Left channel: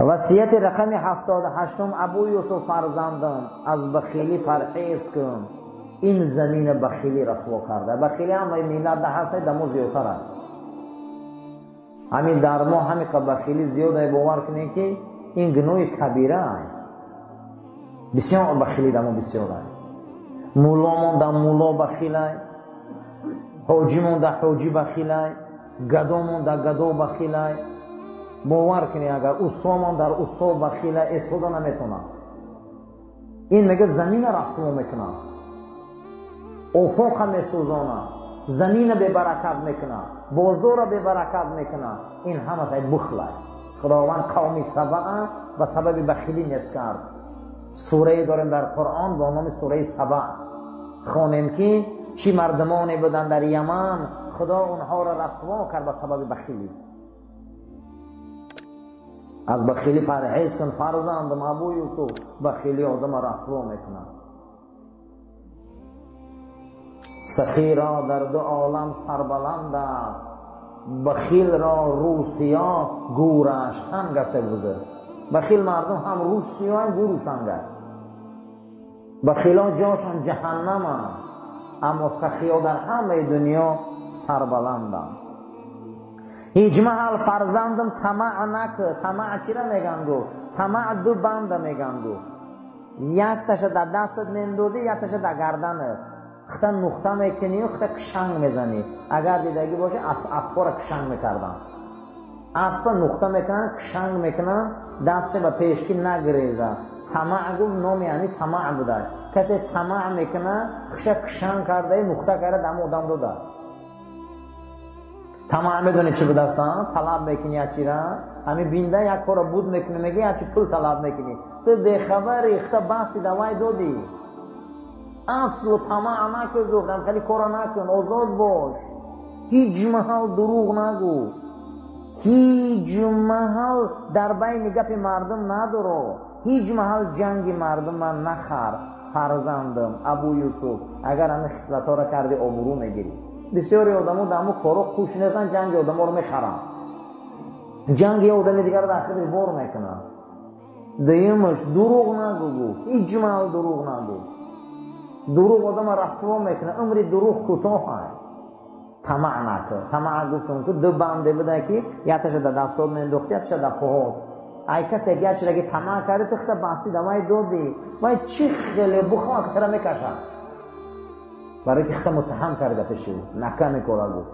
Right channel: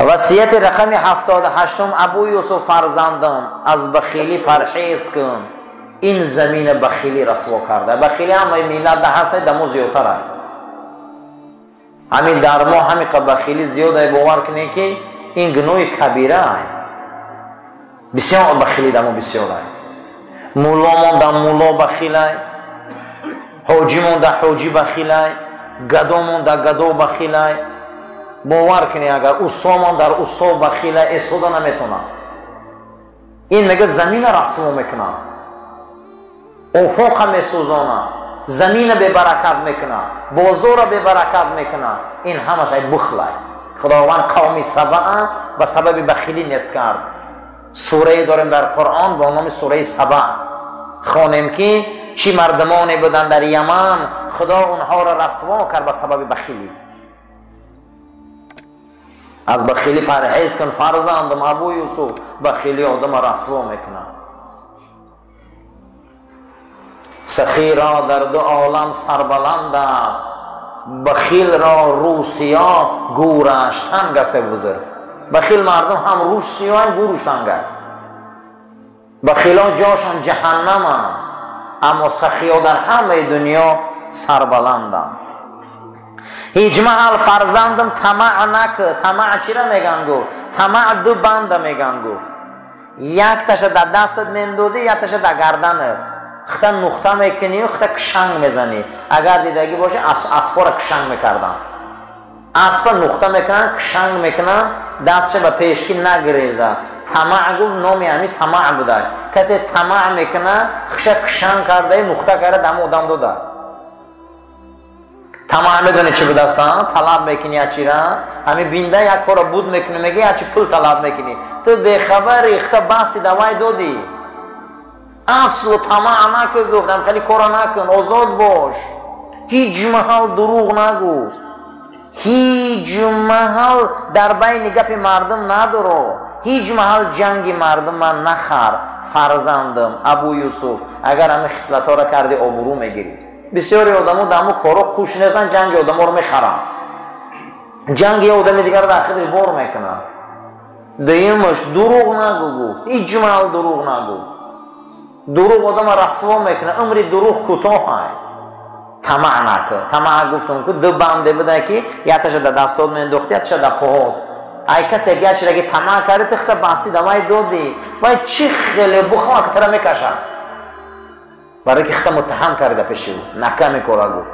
وصیت رقم 78 ابو یوسف فرزندم از بخیلی پرهیز کن، این زمین بخیلی رسوا کرده. بخیلی همه میلاد هست دمو زیادتره، همین در ما همین بخیلی زیاده. باور کنید که این گناه کبیره است، بسیار بخیلی دمو بسیار است. مولامون در مولا بخیل است، حاجیمون در حاجی بخیل است، گدامون در گدا بخیل است. باور کنید اگر استامون در استا بخیل است استاده نمیتونه. این میگه زمین رسوا میکنه، افق میسوزانه، زمین به برکت میکنه، بازار به برکت میکنه. این همش بخل است. خداوند قوم سبع به سبب بخیلی نیست کرد. سوره داریم در قرآن با نام سوره سبع، خوانیم که چی مردمانی بودن در یمن خدا اونها را رسوا کرد به سبب بخیلی. از بخیلی پرهیز کن فرزندم ابو یوسف، بخیلی آدم رسوا میکنه. سخی را در دو عالم سربلند است، بخیل را رو سیاه گورش تنگ است بزرگ. بخیل مردم هم روش سیاه هم گورش تنگ است. بخیلان جاشان جهنم هم، اما سخی ها در همه دنیا سربلند هم. هیچ محل فرزندم طمع نکه. طمع چی را میگن گو؟ طمع دو بند میگن گو، یک تش در دستت میندازی یک تش در گردنت، خطا نقطه میکنی و خطا کشنگ میزنی. اگر دیدگی باشه اسبا را کشنگ میکردن، اسبا نقطه میکنن کشنگ میکنن دستش به پیشکی نگریزه. طمع گفت نامی همی طمع بوده. کسی طمع میکنه خشا کشنگ کرده نقطه کرده دم آدم داده. طمع میدونی چی بوده است؟ طلب میکنی هچی را، همی بینده یک کار بود میکنی میگی هچی پول طلب میکنی، تو بخبری خطا بحثی دوای دادی. اصل طمع نکن گفتم، خیلی کارا نکن، آزاد باش. هیچ محل دروغ نگو، هیچ محل در بین گپ مردم ندارو، هیچ محل جنگ مردم من نخر. فرزندم ابو یوسف اگر همه خصلت ها را کردی آبرو میگیری. بسیاری آدم ها دمو کارو خوش نیستن، جنگ آدم ها رو میخرن، جنگ آدم دیگر رو در خودش بار میکنن. دیمش دروغ نگو گفت، هیچ محل دروغ نگو. دروغ آدم رسوا میکنه، عمری دروغ کوتاه است. طمع نکن. طمع گفتم که دو بنده بوده که یکش در دستات مینداختی یکش در پاهات. ای کسی که اگر طمع کرده تخت بستی دوای دادی باید چی خیلی بخواه که ترا میکشن، برای که خطا متهم کرده پیش او نکمی کارا گفت.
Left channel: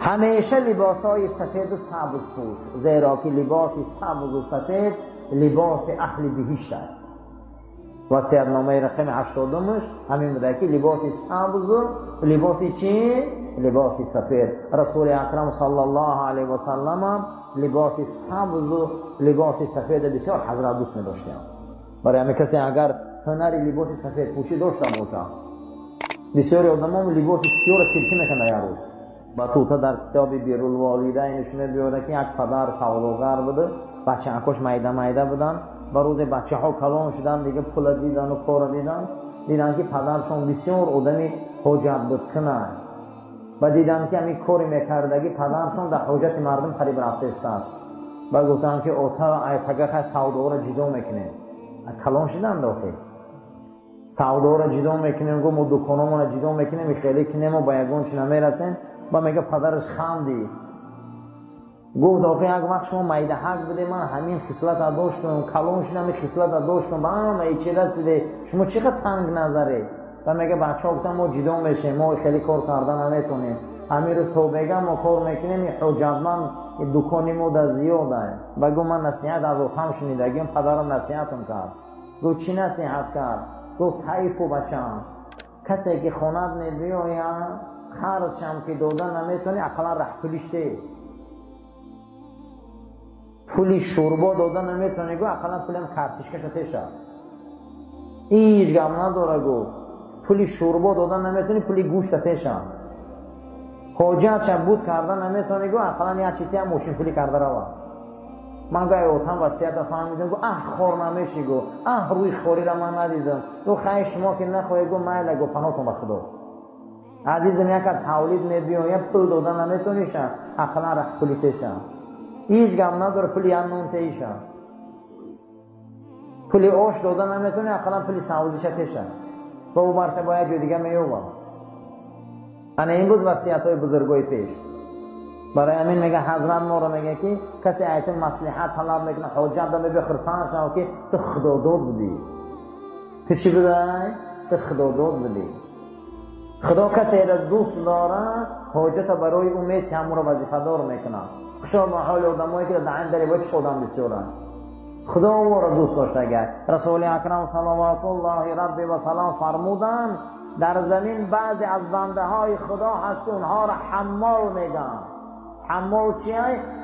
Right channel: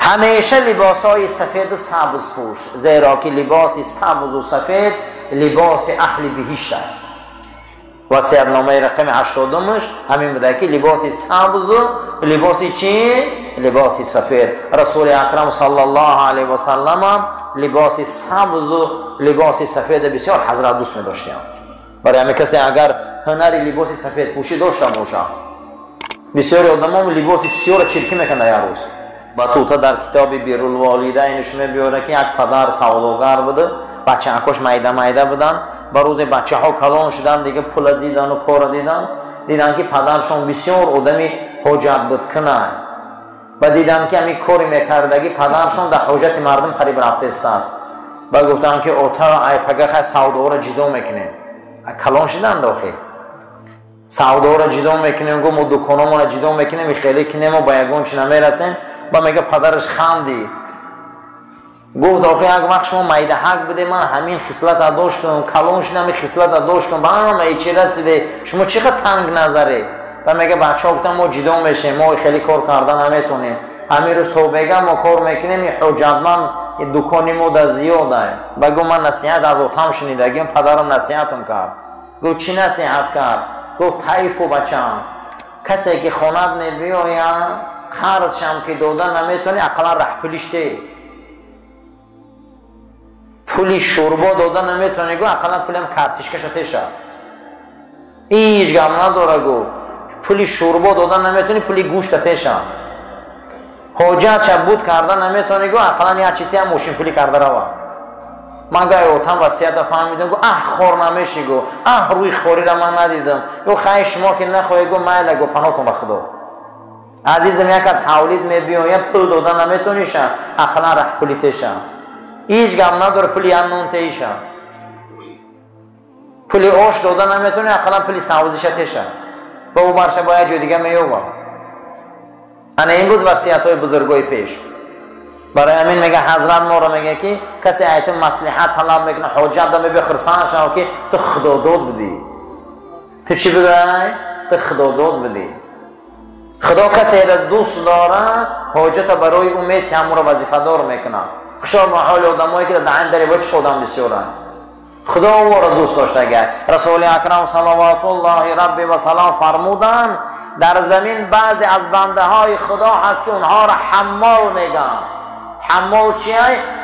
همیشه لباس های سفید و سبز پوش، زیرا که لباس سبز و سفید لباس اهل بهشت است. وصیت نامه رقم 80 همین بوده که لباس سبز و لباس چی؟ لباس سفید. رسول اکرم صلی الله علیه و سلم لباس سبز و لباس سفید بسیار حضرت دوست می داشتیم. برای همین کسی اگر هنری لباس سفید پوشی داشته باشه، بسیاری آدم لباس سیاه چرکی میکنه یا روز. بطوطه در کتاب بیرالوالدینش میبیاره که یک پدر سوداگر بوده، بچه اکاش میده بودن، با روز بچه ها کلان شدن دیگه پول دیدن و کار دیدن که پدرشون بسیار آدمی حاجت بود کنن و دیدن که همی کاری میکردگی پدرشون در حاجت مردم قریب رفته است. و گفتن که اوتا ای پگه سودا را جدا میکنیم، کلان شدن داخل سودا را جدا میکنیم، گفت ما دکانمون را جدا میکنیم خیلی کنیم و با یگون چی نمیرسیم. با میگه پدرش خندی گفت آخه یک وقت شما میده حق بده، من همین خصلت داشتم کلان شدم، همین خصلت داشتم با همه چی رسیده، شما چقدر تنگ نظره. و میگه بچه ها گفتن ما جدا میشیم، ما خیلی کار کردن نمیتونیم، همین روز تو بگم ما کار میکنیم، این حجتمند دکانی ما در زیاده. بگو من نصیحت از اوتم شنیدگیم، پدرم نصیحتم کرد. گفت چی نصیحت کرد؟ گفت طیف و بچم کسی که خونت میبیاید قرض شم که دادن نمیتونی، اقلا ره پولیشته پولی شوربا دادن نمیتونی، گو اقلا پولیم کارتش کشتشه، هیچ گم نداره. گو پولی شوربا دادن نمیتونی، پولی گوشت تشه، حاجت شب بود کردن نمیتونی، گو اقلا یه چیتی هم ماشین پولی کرده روا. من گاهی اوتم وصیت فهمیدم، گو خور نمیشی، گو روی خوری را من ندیدم، گو خواهی شما که نخواهی، گو میله، گو پناهتون بخدا عزیزم یک از حولید میبیایم پول دادن نمیتونیشن، اقلا ره پولی تشن. هیچ گم نداره پولی نون تیشه، پولی آش دادن نمیتونه، اقلا پولی سبزیش تیشه و او برشه باید جای دیگه میوه. انا این بود وصیت های بزرگای پیش. برای همین میگه حضرت ما رو میگه که کسی ایت مصلحت طلب میکنه حاجت داره بخرسان شو که تو خدا داد بدی. تو چی بدهی؟ تو خدا داد بدی. خدا کسی را دوست داره حاجت برای امید چمو رو وظیفه دار میکنه. خشار محال آدمایی که در دری وچ خودم بسیارن. خدا او را دوست داشته اگر رسول اکرم صلوات الله ربی و سلام فرمودن در زمین بعضی از بنده های خدا هست که اونها را حمال میگن. حمال چیه؟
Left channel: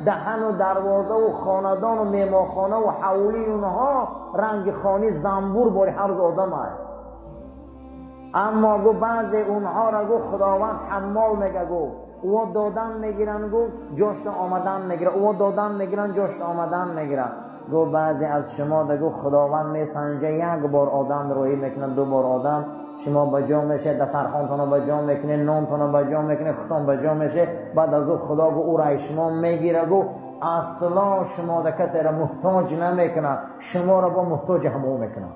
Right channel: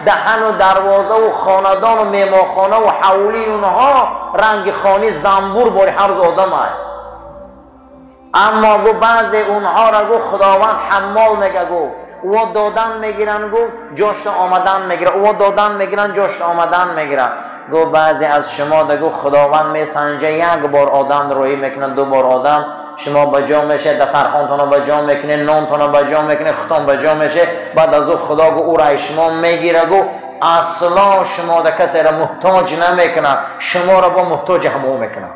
دهن و دروازه و خاندان و میماخانه و حولی اونها رنگ خانی زنبور باری هر آدم های. اما گو بعضی اونها را گو خداوند حمال میگه گفت او دادن میگیرن گفت جشن آمدن میگیرن، او دادن میگیرن جشن آمدن میگیرن. گو بعضی از شما دگو خداوند میسنجه یک بار آدم روی میکنه، دو بار آدم شما بجا میشه، دسترخوانتون رو بجا میکنه، نونتون رو بجا میکنه، ختم بجا میشه، بعد از او خدا گو او رای شما میگیره گو اصلا شما در کسی را محتاج نمیکنه، شما را با محتاج همو میکنه.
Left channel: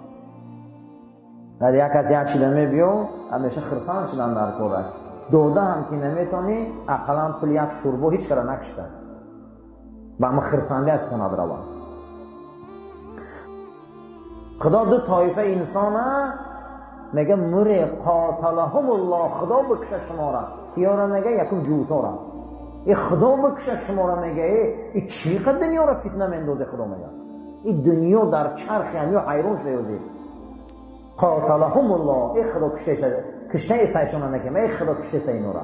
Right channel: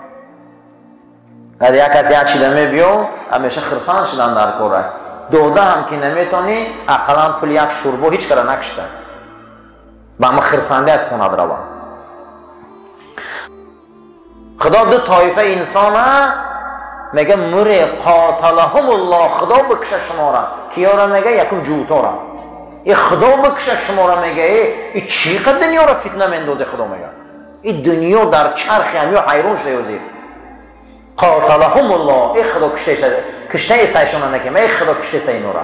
اگر یک کسی یک چیده میبیو همیشه خرسان شدن در کوره دوده هم که نمیتونی اقلا پول یک شوربو هیچ کار نکشته با همه خرسانده از خونه دروا. خدا دو طایفه انسان میگه مره قاتلهم الله، خدا بکشه شما را. کیا را میگه؟ یکم جوتا را. این خدا بکشه شما را میگه این چقدر دنیا را فتنه میندازه. خدا میگه این دنیا در چرخ همی و حیرون شده یوزید. قاتلهم الله، ای خدا کشته ایستایشون نکیم، ای خدا کشته ایست اینو را.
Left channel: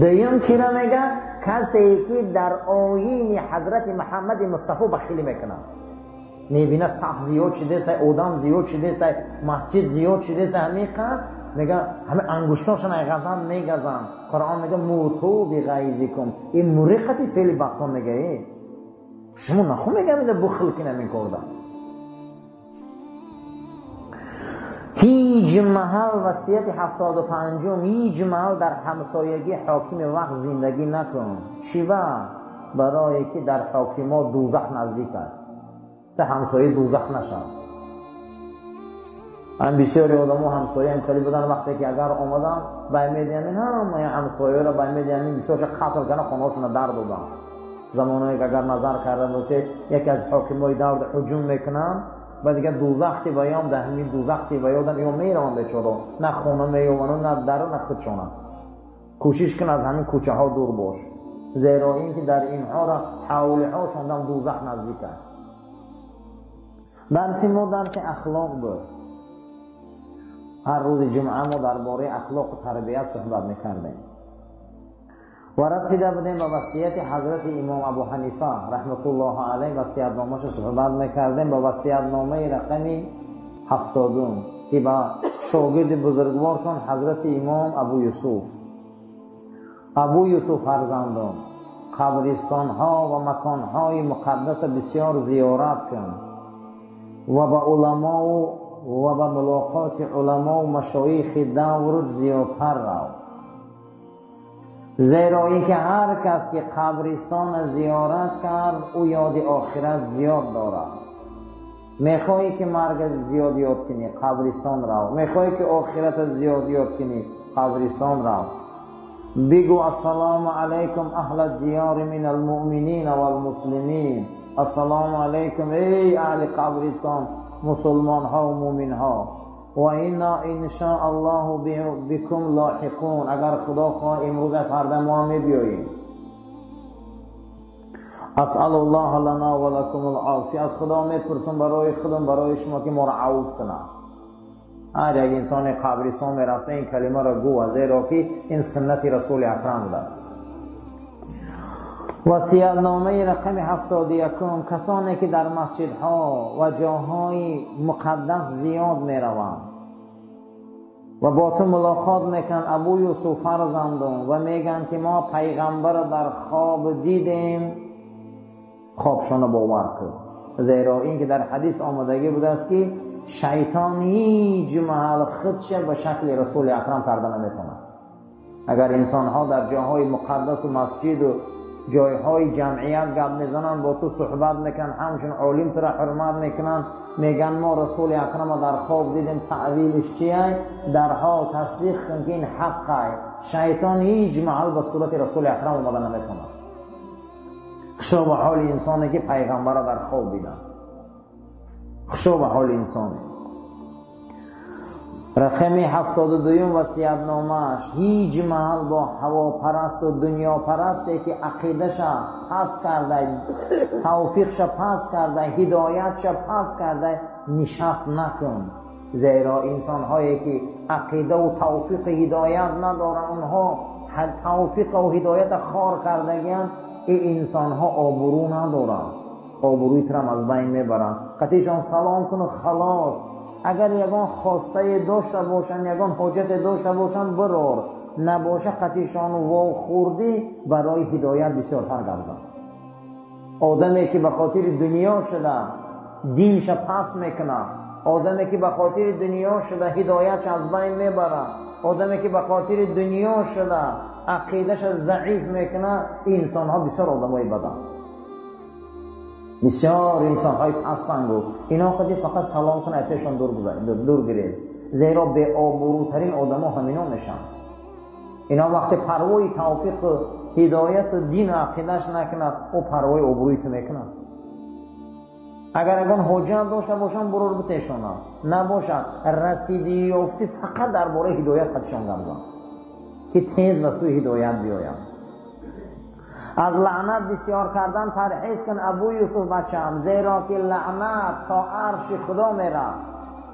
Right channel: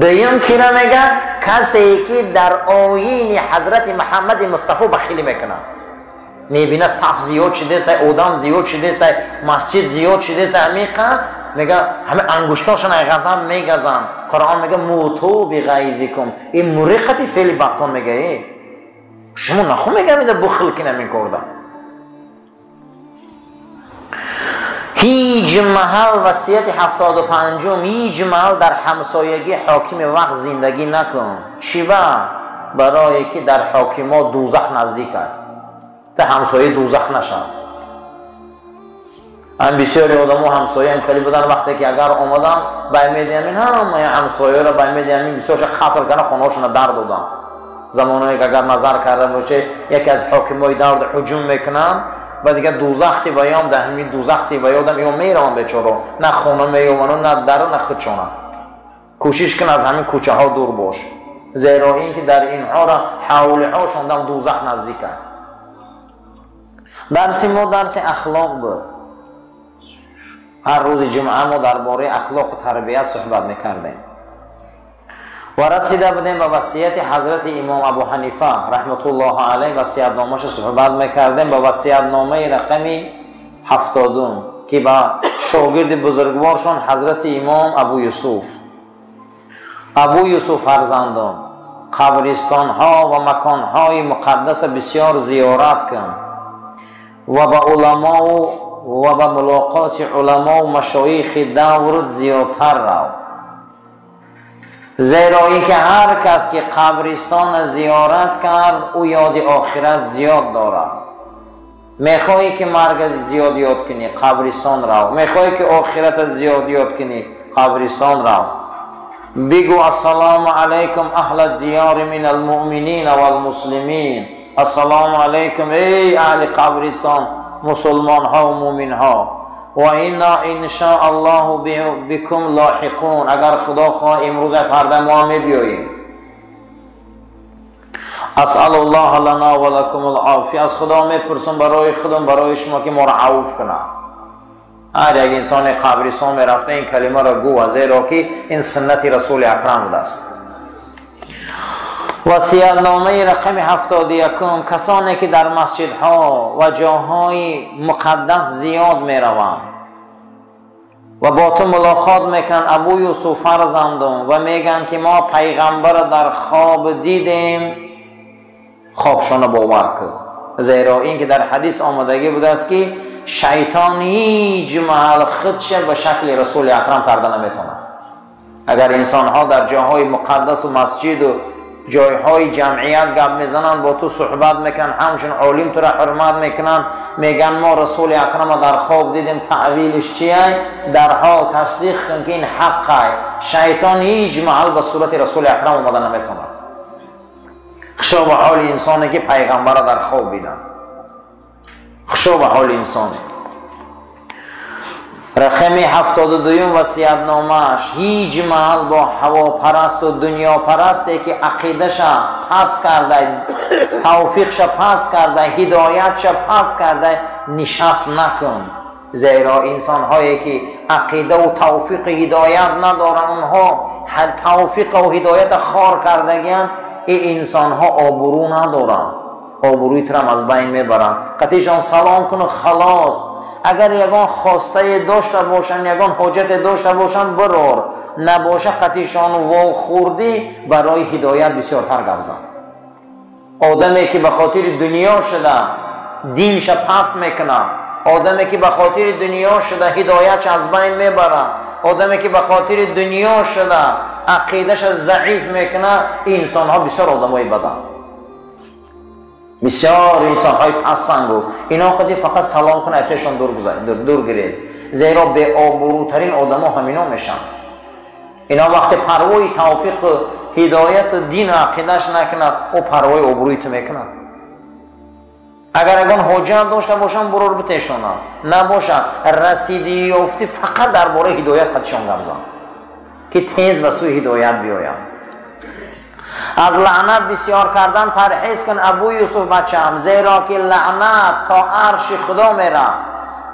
دویم کی را میگه؟ کسی که در آیین حضرت محمد مصطفی بخیلی میکنه، میبینه صف زیاد شده است، آدم زیاد شده است، مسجد زیاد شده است، همیقه میگه همه انگشتاشون غضب میگزن. قرآن میگه موتو بغیظکم، این مرقتی فعل بطن میگه شما نخو میگه میده بخل که نمی کردن. هیچ محل وصیت 75 هیچ محل در همسایگی حاکم وقت زندگی نکن. چی برای که در حاکما دوزخ نزدیک است، تا همسایه دوزخ نشن. هم بسیاری آدم ها همسایه هم خیلی بودن وقتی که اگر آمدن باید همین همه همسایه را باید همین بسیارش قتل کنه، خونهاشون در دادن. زمانی که اگر نظر کرده باشه یکی از حاکمای دور هجوم میکنن و دیگه دوزختی بیام ده همین دوزختی بیادم یا میرم بیچاره، نه خونه میومنن نه در نه خودشونه. کوشش کن از همین کوچه ها دور باش، زیرا این که در اینها را حوله هاشون دم دوزخ نزدیک است. درس ما درس اخلاق بود. هر روز جمعه ما درباره اخلاق و تربیت صحبت میکردیم و رسیده بودیم به وصیت حضرت امام ابو حنیفه رحمت الله علیه. وصیت نامش صحبت میکردیم به وصیت نامه رقمی 70 که با شاگرد بزرگوارشان حضرت امام ابو یوسف فرزندان قبرستان ها و مکان های مقدس بسیار زیارت کن و با علما و با ملاقات علما و مشایخ دورت زیادتر رو، زیرا اینکه هر کس که قبرستان زیارت کرد او یاد آخرت زیاد داره. میخوایی که مرگ زیاد یاد کنی قبرستان رو، میخوایی که آخرت زیاد یاد کنی قبرستان رو. بگو السلام علیکم اهل الدیار من المؤمنین و المسلمین، السلام علیکم ای اهل قبرستان مسلمان ها و مومن ها، و اینا ان شاء الله بكم لاحقون، اگر خدا خواه امروز فردا ما می بیاییم. اسال الله لنا و لكم العافیه، از خدا میپرسم برای خودم برای شما که ما را عفو کنه. هر یک انسان قبرستان می رفته این کلمه را گو، زیرا که این سنت رسول اکرم است. وصیت نامه رقم 71 کسانی که در مسجدها و جاهای مقدس زیاد می روند و با تو ملاقات میکنن ابو یوسف فرزندان و میگن که ما پیغمبر در خواب دیدیم، خوابشان باور کن. زیرا این که در حدیث آمدگی بوده است که شیطان هیچ محل خودش به شکل رسول اکرم کرده نمیتونه. اگر انسان ها در جاهای مقدس و مسجد و جایهای جمعیت گپ میزنن، با تو صحبت میکنن، همچون عالم تو را حرمت میکنن، میگن ما رسول اکرم در خواب دیدیم، تعویلش چیه؟ در حال تصدیق کن که این حقه. شیطان هیچ محل به صورت رسول اکرم اومده نمیکنه. خشو به حال انسانی که پیغمبر در خواب بیدن، خشو به حال انسانی. رقم 72 وصیت‌نامه‌اش هیچ محل با هواپرست و دنیا پرستی که عقیده‌ش پس کرده، توفیقش پس کرده، هدایتش پس کرده نشست نکن. زیرا انسان هایی که عقیده و توفیق هدایت ندارن، اونها توفیق و هدایت خار کردگیان، این انسان ها آبرو ندارن، آبروی ترم از بین میبرن. قطعشان سلام کن خلاص. اگر یگان خواسته داشته باشن، یگان حاجت داشته باشن، برار. نباشه قطعشان وا خوردی برای هدایت بسیارتر گوزن. آدمی که به خاطر دنیا شده دینش پس میکنه، آدمی که به خاطر دنیا شده هدایتش از بین میبره، آدمی که به خاطر دنیا شده عقیدش ضعیف میکنه، این انسان ها بسیار آدمای بدن، بسیار انسان های پسندو. اینا خودی فقط سلام کنه اتشان دور گریز. زیرا به آبروترین آدم ها همینا میشن. اینا وقتی پروای توفیق هدایت دین عقیدش نکنه، او پروای آبرویت میکنه. اگر اگان حجت داشته باشن برور بتشانن، نباشه رسیدی یافتی فقط درباره هدایت قدشان گمزن که تیز به سوی هدایت بیاین. از لعنت بسیار کردن پرهیز کن ابو یوسف بچم، زیرا که لعنت تا عرش خدا میره.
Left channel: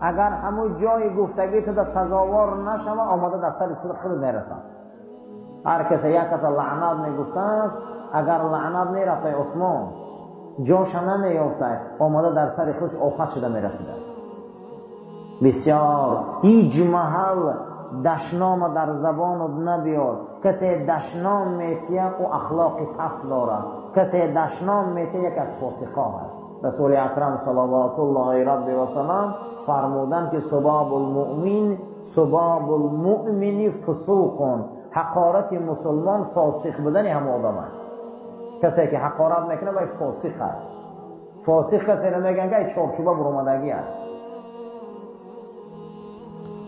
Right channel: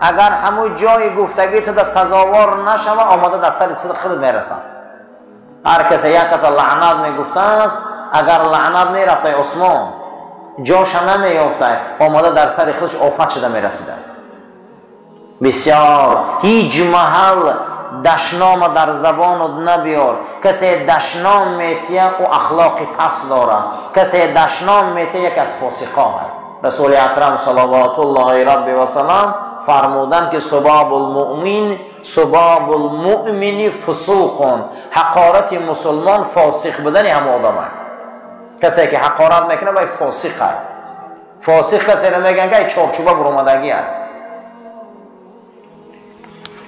اگر همون جای گفتگی تو در سزاوار نشوه، آماده در سر خود میرسن. هر کسی یک کس لعنت میگفته است، اگر لعنت میرفته عثمان جاش نمیافته، آماده در سر خودش آفت شده میرسیده. بسیار هیچ محل دشنام در زبان نبیار. کسی دشنام میتیه او اخلاقی پس داره، کسی دشنام میتیه یک از فاسقا هست. رسول اکرم صلوات الله رب و سلام فرمودن که سباب المؤمن فسوق، حقارت مسلمان فاسق بدن هم آدم هست. کسی که حقارت میکنه باید فاسق هست. فاسق کسی رو میگن که چارچوبه برآمدگی هست.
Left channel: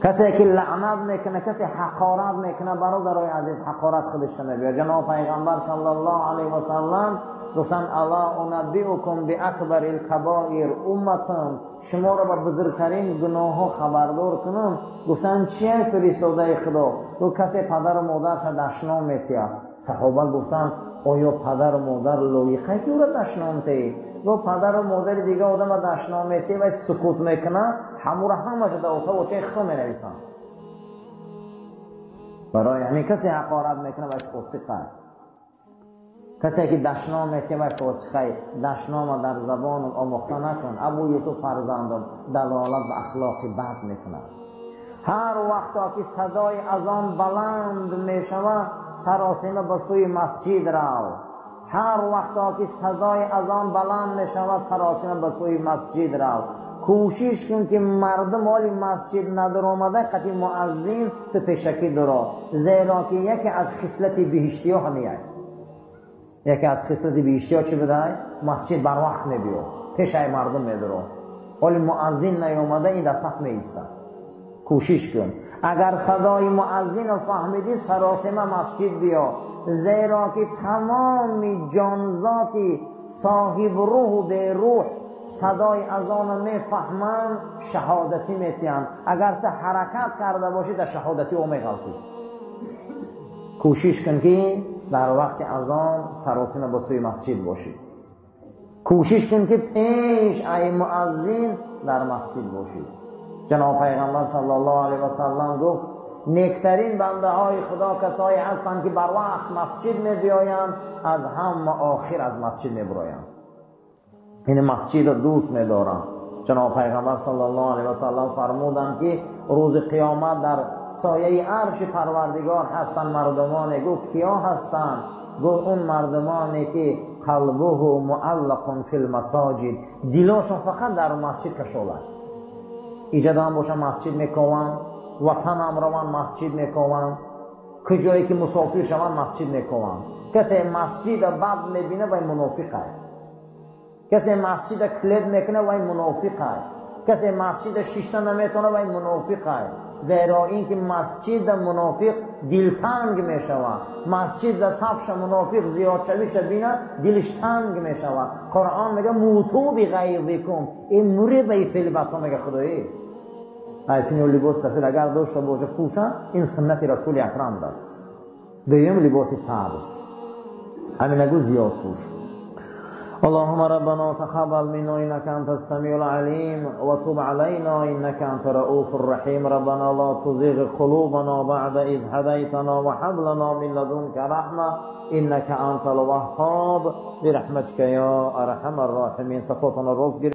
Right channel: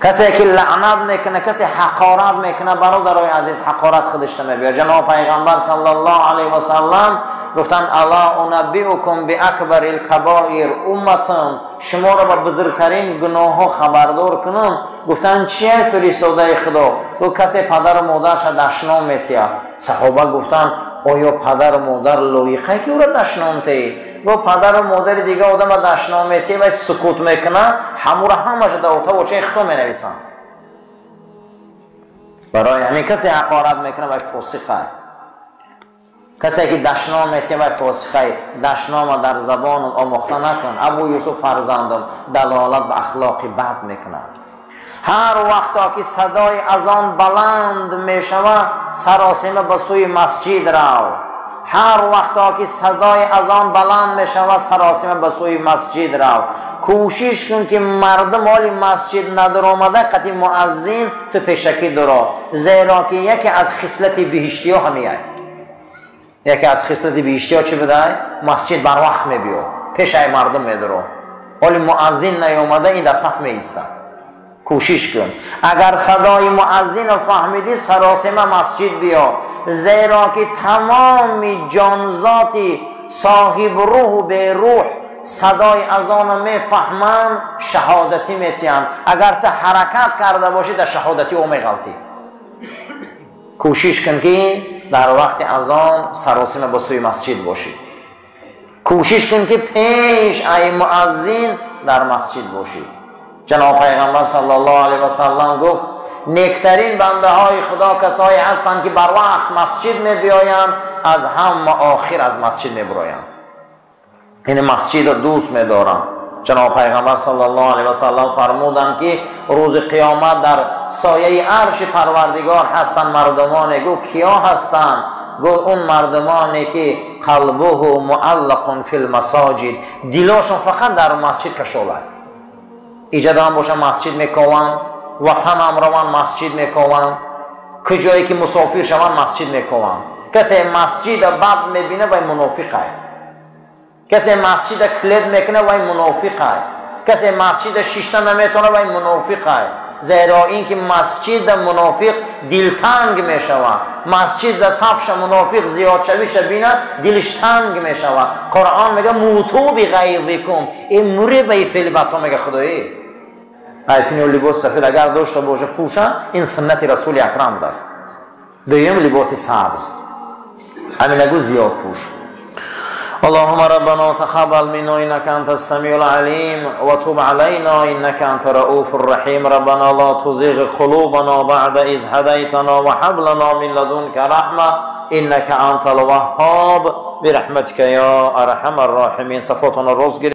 کسی که لعنت میکنه، کسی حقارت میکنه، برادرای عزیز حقارت خودش نمیبیار. جناب پیغمبر صلی الله علیه و سلم گفتن الا انبئکم باکبر الکبائر امتم، شما را با بزرگترین گناه ها خبردار کنم. گفتن چیه فرستاده خدا؟ گفت کسی پدر و مادرش دشنام میتیه. صحابه گفتن آیا پدر و مادر لایقه که او را دشنام تی؟ گفت پدر و مادر دیگه آدم دشنام میتی و سکوت میکنه، همون را همش در اتاق و چه خطا می نویسن. برای همین کسی حقارت میکنه و فاسقه. کسی که دشنام میتی و فاسقه، دشنام در زبان آموخته نکن. ابو یوسف فرزندم دلالت به اخلاقی بد میکنه. هر وقتا که صدای اذان بلند میشوه سراسیمه به سوی مسجد رو. هر وقتا که صدای اذان بلند میشوه سراسیمه به سوی مسجد رو. کوشش کن که مردم حالی مسجد ندار آمده قطعی مؤذن تو پیشکی درا. زیرا که یکی از خصلت بهشتی ها همیه. یکی از خصلت بهشتی ها چی بده؟ مسجد بر وقت میبیو، پیش مردم میدارو. حالی مؤذن نیامده این در صف میایسته. کوشش کن اگر صدای مؤذن رو فهمیدی سراسیمه مسجد بیا. زیرا که تمام جانزاتی صاحب روح و به روح صدای اذان رو میفهمن، شهادتی میتین. اگر تا حرکت کرده باشی در شهادتی او میغلطی. کوشش کن که در وقت اذان سراسیمه به سوی مسجد باشی. کوشش کن که پیش ای مؤذن در مسجد باشی. جناب پیغمبر صلی الله علیه و سلم گفت نیکترین بنده های خدا کسایی هستند که بر وقت مسجد می بیایند، از هم آخر از مسجد می برایند. این مسجد رو دوست می دارن. جناب پیغمبر صلی الله علیه و سلم فرمودند که روز قیامت در سایه عرش پروردگار هستند مردمانی. گفت کیا هستند؟ گفت اون مردمانی که قلبه معلق فی المساجد، دلاشون فقط در مسجد کشاله. ایجاد هم باشن مسجد میکنن، وطن هم روان مسجد میکنن، کجایی که مسافر شون مسجد میکنن. کسی مسجد بد میبینه وای منافقه، کسی مسجد کلید میکنه وای منافقه، کسی مسجد شیشته نمیتونه وای منافقه. زیرا اینکه مسجد منافق دلتنگ میشوه، مسجد صفش منافق زیاد شویش بینه دلش تنگ میشوه. قرآن میگه موتو بغیظکم، این موری به فعل بطا میگه خدایی عیفین و لباس سفید اگر داشته باشه پوشه، این سنت رسول اکرم دست. دویم لباس سبز، همین نگو زیاد پوش. اللهم ربنا تقبل منا انك انت السميع العليم وتب علينا انك انت رؤوف الرحيم. ربنا لا تزغ قلوبنا بعد اذ هديتنا وهب لنا من لدنك رحمه انك انت الوهاب برحمتك يا ارحم الراحمين. صفاتنا الرزق